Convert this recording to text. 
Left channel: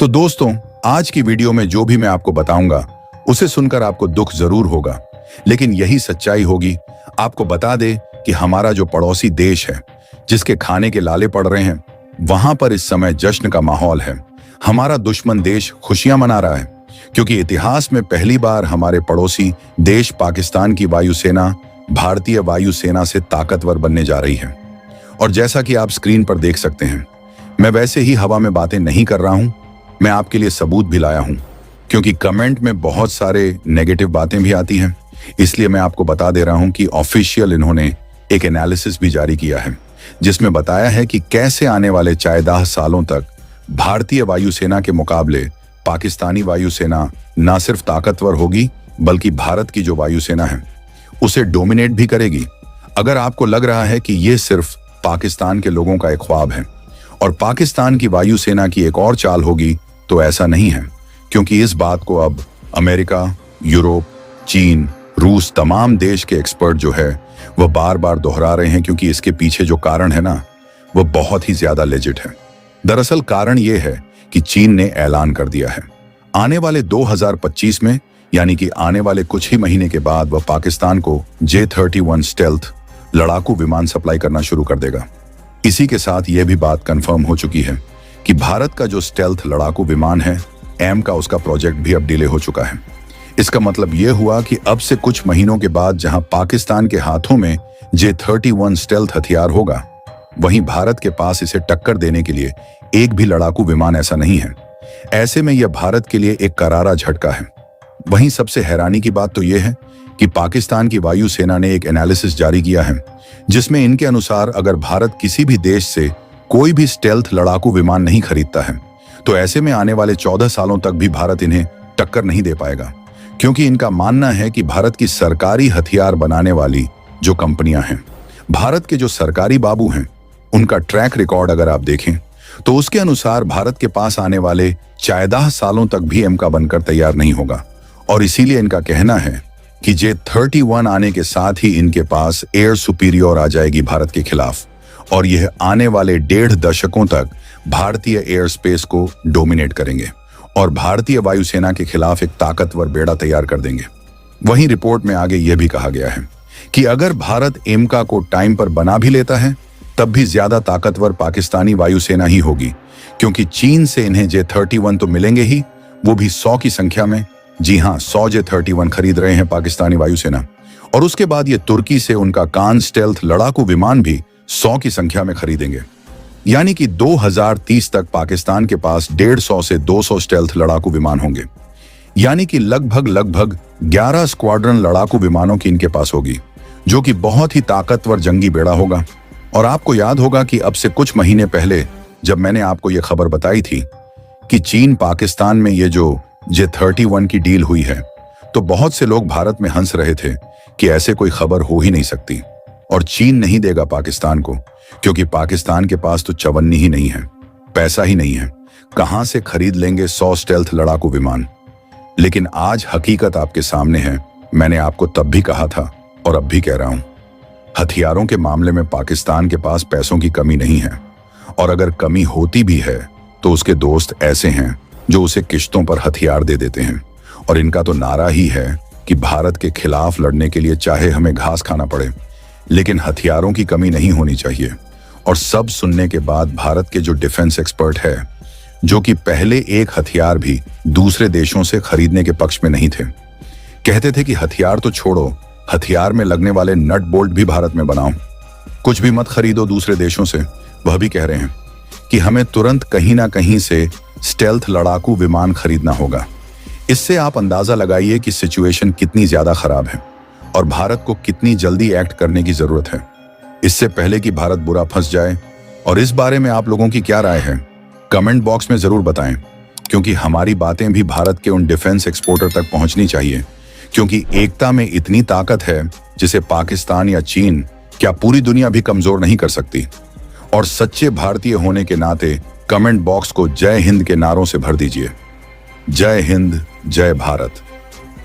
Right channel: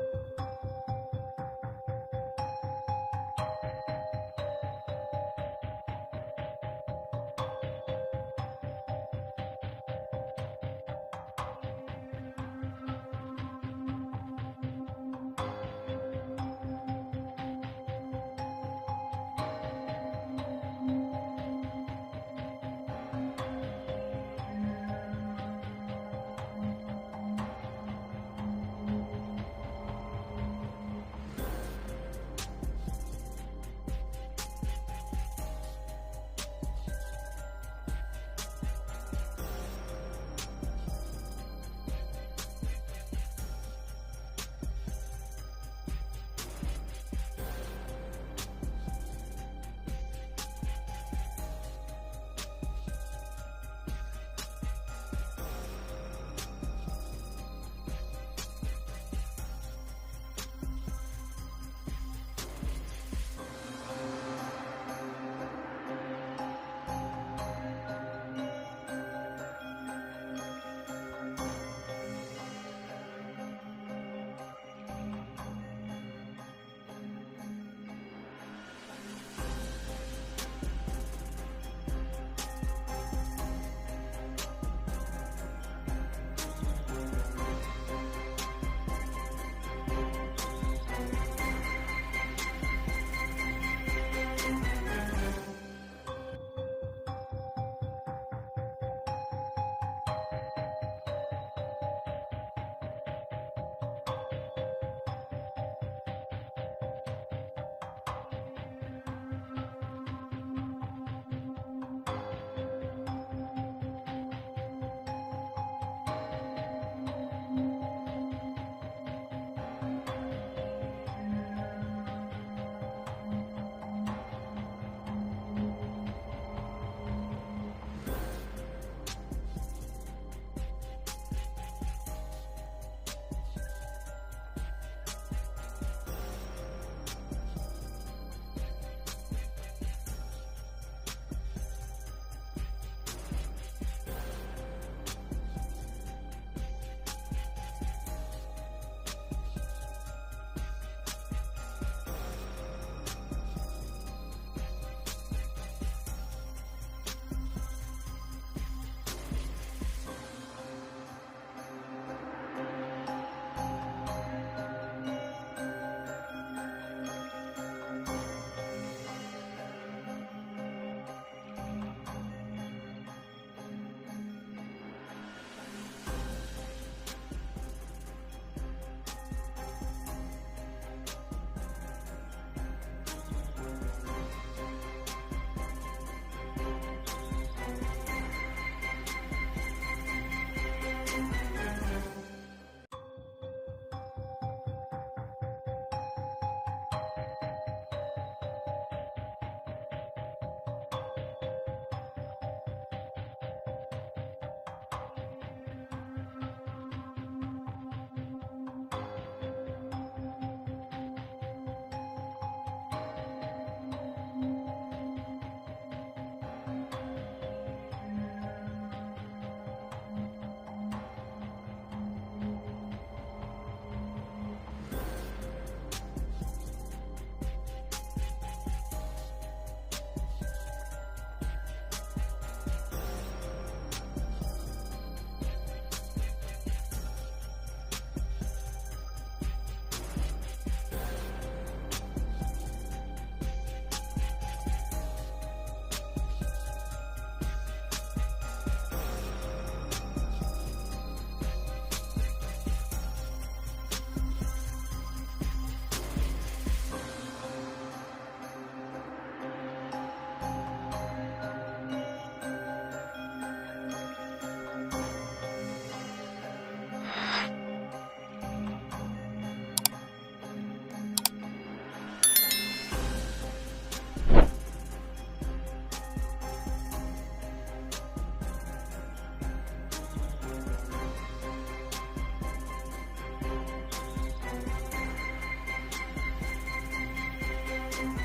तो दोस्तों, आज की वीडियो में जो भी मैं आपको बताऊंगा उसे सुनकर आपको दुख जरूर होगा, लेकिन यही सच्चाई होगी। आपको बता दे कि हमारा जो पड़ोसी देश है, जिसके खाने के लाले पड़ रहे हैं, वहां पर इस समय जश्न का माहौल है। हमारा दुश्मन देश खुशियां मना रहा है क्योंकि इतिहास में पहली बार हमारे पड़ोसी देश पाकिस्तान की वायुसेना भारतीय वायुसेना से ताकतवर बनने जा रही है। और जैसा कि आप स्क्रीन पर देख सकते हैं, मैं वैसे ही हवा में बातें नहीं कर रहा हूं, मैं आपके लिए सबूत भी लाया हूं, क्योंकि कमेंट में बहुत सारे नेगेटिव बातें भी आती हैं। इसलिए मैं आपको बता दे रहा हूं कि ऑफिशियल इन्होंने एक एनालिसिस भी जारी किया है, जिसमें बताया है कि कैसे आने वाले 14 सालों तक भारतीय वायुसेना के मुकाबले पाकिस्तानी वायुसेना न सिर्फ ताकतवर होगी, बल्कि भारत की जो वायुसेना है उसे डोमिनेट भी करेगी। अगर आपको लग रहा है कि यह सिर्फ पाकिस्तान के लोगों का एक ख्वाब है और पाकिस्तान की वायुसेना की एक और चाल होगी, तो ऐसा नहीं है, क्योंकि इस बात को अब अमेरिका, यूरोप, चीन, रूस, तमाम देश के एक्सपर्ट जो है वह बार बार दोहरा रहे हैं, क्योंकि इसके पीछे जो कारण है ना, वह बहुत ही ज्यादा लेजिट है। दरअसल कारण यह है कि चीन ने ऐलान कर दिया है आने वाले 2025 में, यानी कि आने वाले कुछ ही महीने के बाद, वह पाकिस्तान को J-31 स्टेल्थ लड़ाकू विमान सप्लाई करना शुरू कर देगा। इसी के साथ यह भी बात कंफर्म हो चुकी है कि भारत का जो स्टेल्थ लड़ाकू विमान है एम का, उसका प्रोजेक्ट भी अब डिले हो चुका है। इसका मतलब यह हुआ कि अब से कुछ महीनों के बाद जहां पाकिस्तान के हाथों में J-31 स्टेल्थ हथियार होगा, वहीं भारत के पास इसे टक्कर देने के लिए एक भी लड़ाकू विमान ऐसा नहीं है। ऐसे में यह भारत के लिए एक करारा झटका है। वहीं सबसे हैरानी की बात तो यह है कि पाकिस्तान की वायुसेना ने एक एनालिसिस जारी किया है, जिसमें इनके अनुसार अगर भारत किसी भी देश से कोई भी स्टेल्थ लड़ाकू विमान नहीं खरीदता है, तो ऐसे में आने वाले 14 सालों तक भी भारत इन्हें टक्कर नहीं दे पाएगा, क्योंकि इनका मानना है कि भारत की सरकारी हथियार बनाने वाली जो कंपनियां हैं, भारत के जो सरकारी बाबू हैं, उनका ट्रैक रिकॉर्ड अगर आप देखें तो उसके अनुसार भारत के पास आने वाले 14 सालों तक भी एम का बनकर तैयार नहीं होगा। और इसीलिए इनका कहना है कि J-31 आने के साथ ही इनके पास एयर सुपीरियर आ जाएगी भारत के खिलाफ, और यह आने वाले 1.5 दशकों तक भारतीय एयर स्पेस को डोमिनेट करेंगे और भारतीय वायुसेना के खिलाफ एक ताकतवर बेड़ा तैयार कर देंगे। वहीं रिपोर्ट में आगे यह भी कहा गया है कि अगर भारत एमका को टाइम पर बना भी लेता है, तब भी ज्यादा ताकतवर पाकिस्तानी वायुसेना ही होगी, क्योंकि चीन से इन्हें J-31 तो मिलेंगे ही, वो भी 100 की संख्या में। जी हाँ, 100 J-31 खरीद रहे हैं पाकिस्तानी वायुसेना, और उसके बाद ये तुर्की से उनका कान स्टेल्थ लड़ाकू विमान भी 100 की संख्या में खरीदेंगे। यानी कि 2030 तक पाकिस्तान के पास 150 से 200 स्टेल्थ लड़ाकू विमान होंगे, यानी कि लगभग 11 स्क्वाड्रन लड़ाकू विमानों की इनके पास होगी, जो कि बहुत ही ताकतवर जंगी बेड़ा होगा। और आपको याद होगा कि अब से कुछ महीने पहले जब मैंने आपको यह खबर बताई थी कि चीन पाकिस्तान में ये जो J-31 की डील हुई है, तो बहुत से लोग भारत में हंस रहे थे कि ऐसे कोई खबर हो ही नहीं सकती और चीन नहीं देगा पाकिस्तान को, क्योंकि पाकिस्तान के पास तो चवन्नी ही नहीं है, पैसा ही नहीं है, कहां से खरीद लेंगे 100 स्टेल्थ लड़ाकू विमान। लेकिन आज हकीकत आपके सामने है। मैंने आपको तब भी कहा था और अब भी कह रहा हूं, हथियारों के मामले में पाकिस्तान के पास पैसों की कमी नहीं है, और अगर कमी होती भी है तो उसके दोस्त ऐसे हैं जो उसे किश्तों पर हथियार दे देते हैं। और इनका तो नारा ही है कि भारत के खिलाफ लड़ने के लिए चाहे हमें घास खाना पड़े, लेकिन हथियारों की कमी नहीं होनी चाहिए। और सब सुनने के बाद भारत के जो डिफेंस एक्सपर्ट है, जो कि पहले एक हथियार भी दूसरे देशों से खरीदने के पक्ष में नहीं थे, कहते थे कि हथियार तो छोड़ो, हथियार में लगने वाले नट बोल्ट भी भारत में बनाओ, कुछ भी मत खरीदो दूसरे देशों से। वह भी कह रहे हैं कि हमें तुरंत कहीं ना कहीं से स्टेल्थ लड़ाकू विमान खरीदना होगा। इससे आप अंदाजा लगाइए कि सिचुएशन कितनी ज्यादा खराब है और भारत को कितनी जल्दी एक्ट करने की जरूरत है, इससे पहले कि भारत बुरा फंस जाए। और इस बारे में आप लोगों की क्या राय है, कमेंट बॉक्स में जरूर बताएं, क्योंकि हमारी बातें भी भारत के उन डिफेंस एक्सपोर्टर तक पहुंचनी चाहिए, क्योंकि एकता में इतनी ताकत है जिसे पाकिस्तान या चीन, क्या पूरी दुनिया भी कमजोर नहीं कर सकती। और सच्चे भारतीय होने के नाते कमेंट बॉक्स को जय हिंद के नारों से भर दीजिए। जय हिंद, जय भारत।